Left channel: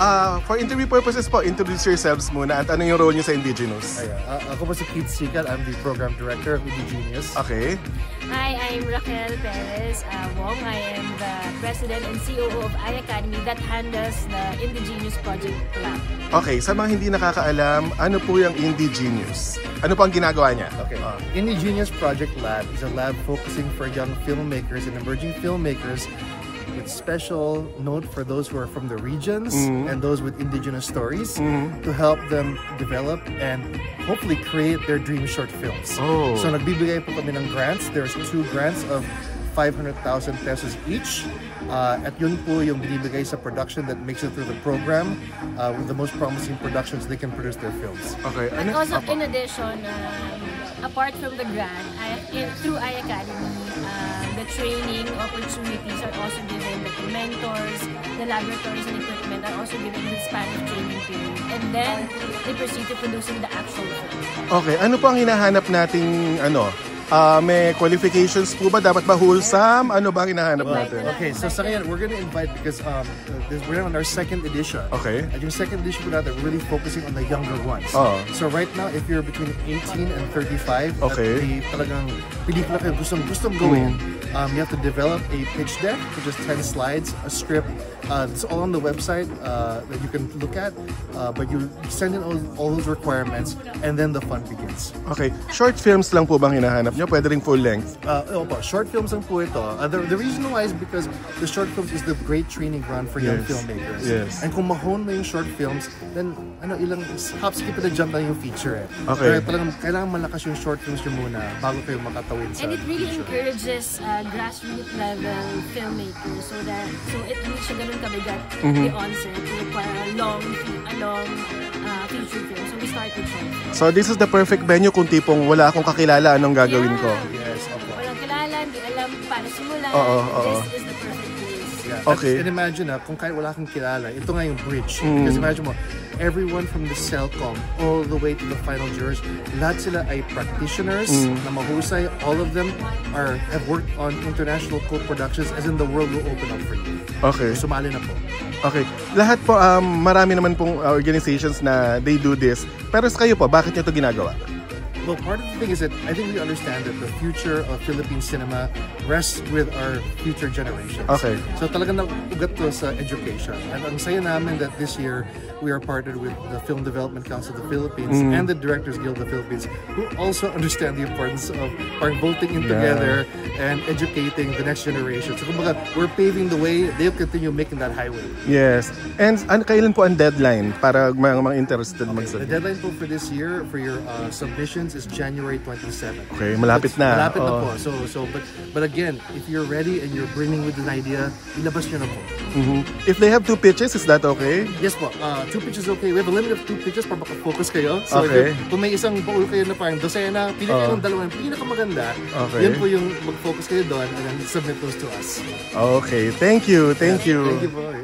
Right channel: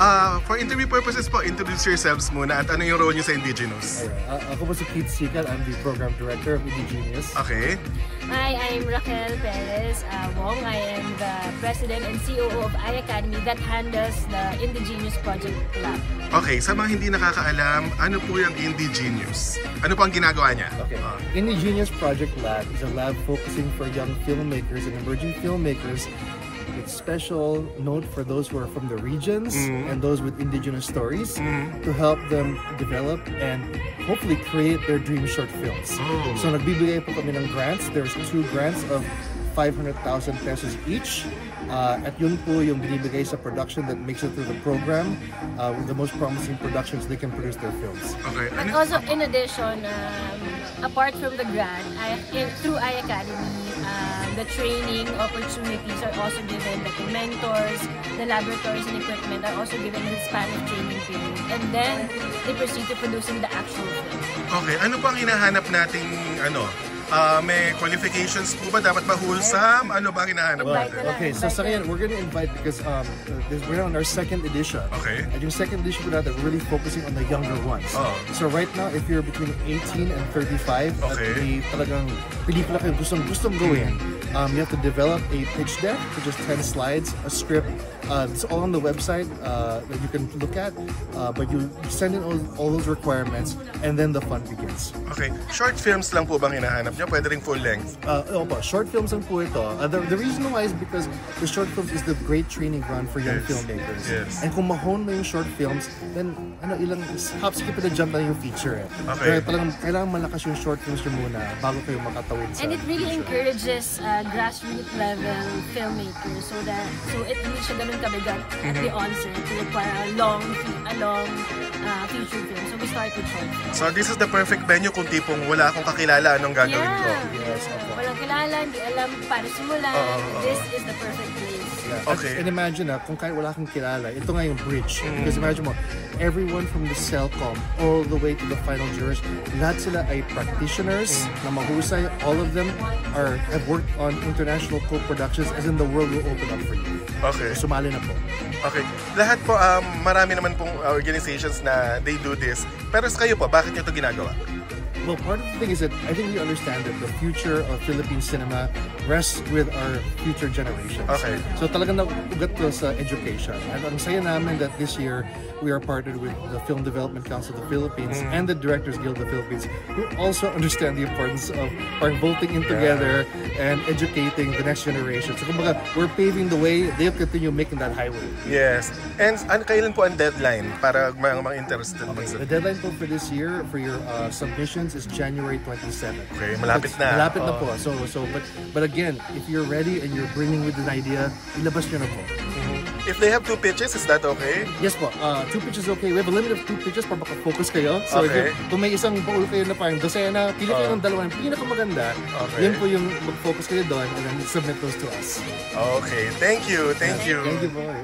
For interview purposes po, introduce yourselves muna at ano yung role niyo sa Indigenous? Ako po si Keith Sikat. I'm the Program Director of Indigenous. Okay. Hi, I'm Raquel Perez Wong. I am the President and COO of iAcademy that handles the Indigenous Project Lab. Okay, sa mga hindi nakakaalam, ano po yung Indigenous? Ano po ang ginagawa niya? Okay. Indigenous Project Lab is a lab focusing for young filmmakers and emerging filmmakers with special note for those who are from the regions and those with indigenous stories to help them develop and hopefully create their dream short films. So nagbibigay po kami ng grants. There's 2 grants of 500,000 pesos each. At yun po yung binibigay sa production that makes it through the program with the most promising productions they can produce their films. Okay. And also in addition, apart from the grant, through iAcademy, the training opportunities are also given, the mentors, the laboratories and equipment are also given in the Spanish training period. And then they proceed to producing the actual film. Okay, ano po ang hinahanap nating may qualifications po ba? Dapat ba wholesome? Ano ba ang hinahanap natin? Okay, so sa ngayon, we're gonna invite because we're on our 2nd edition. Okay. At yung 2nd edition po natin, we're really focusing on the younger ones. So right now, if you're between 18 and 35, at the talagang pelikula kayo gustong gawin, you have to develop a pitch deck, which is 10 slides, a script. It's all on the website that you can look at, but you send in all those requirements, and then the fun begins. Okay, short films lang po bang hinahanap nyo? Pwede rin full length? Opo, short films lang po ito. The reason why is because the short films is the great training ground for young filmmakers. Yes. And kung mahon mo yung short films, then ilang hop, skip, and a jump lang yung feature. Okay. Pero talagang kailangan malakas yung short films nyo muna bago kayo makatawid sa And it really feature. encourages grassroots level filmmakers so it hindi siya ganun kabigat at the onset to require a long feature film. So we start with short films. So this is the perfect venue kung tipong wala akong kakilala, anong gagawin ko? Yes, opo. Walang kilala, hindi alam paano simulan. This is the perfect place. Yeah. Okay. And imagine kung kahit wala kang kilala, ito nga yung bridge. Because imagine mo, everyone from the CELCOM all the way to the final jurors, lahat sila ay practitioners na mahusay. All of them have worked on international co-productions, as in the world will open up for you. Okay. So, sumali na po. Okay. Lahat po, marami naman pong organizations na they do this. Pero sa kayo po, bakit nyo ito ginagawa? Well, part of the thing is that I think we understand that the future of Philippine cinema rests with our future generations. Okay. So talagang naugat to sa education. And ang saya namin that this year we are partnered with the Film Development Council of the Philippines and the Directors Guild of the Philippines, who also understand the importance of bolting in together and educating the next generation. So kumbaga, we're paving the way, they'll continue making that highway. Yes. And kailan po ang deadline para mga interested naman sa? The deadline po for this year for your submissions is January 27. Okay, malapit na. Malapit na po. But again, if you're ready and you're bringing with an idea, ilabas nyo na po. If they have 2 pitches, is that okay? Yes po. 2 pitches okay. We have a limit of 2 pitches para maka-focus kayo. So kung may isang baul kayo na parang dosena, pili kayo ng dalawa, pinakamaganda. Yun po yung mag-focus kayo doon and then submit those to us. Okay. Thank you. Thank you. Thank you po. Yeah.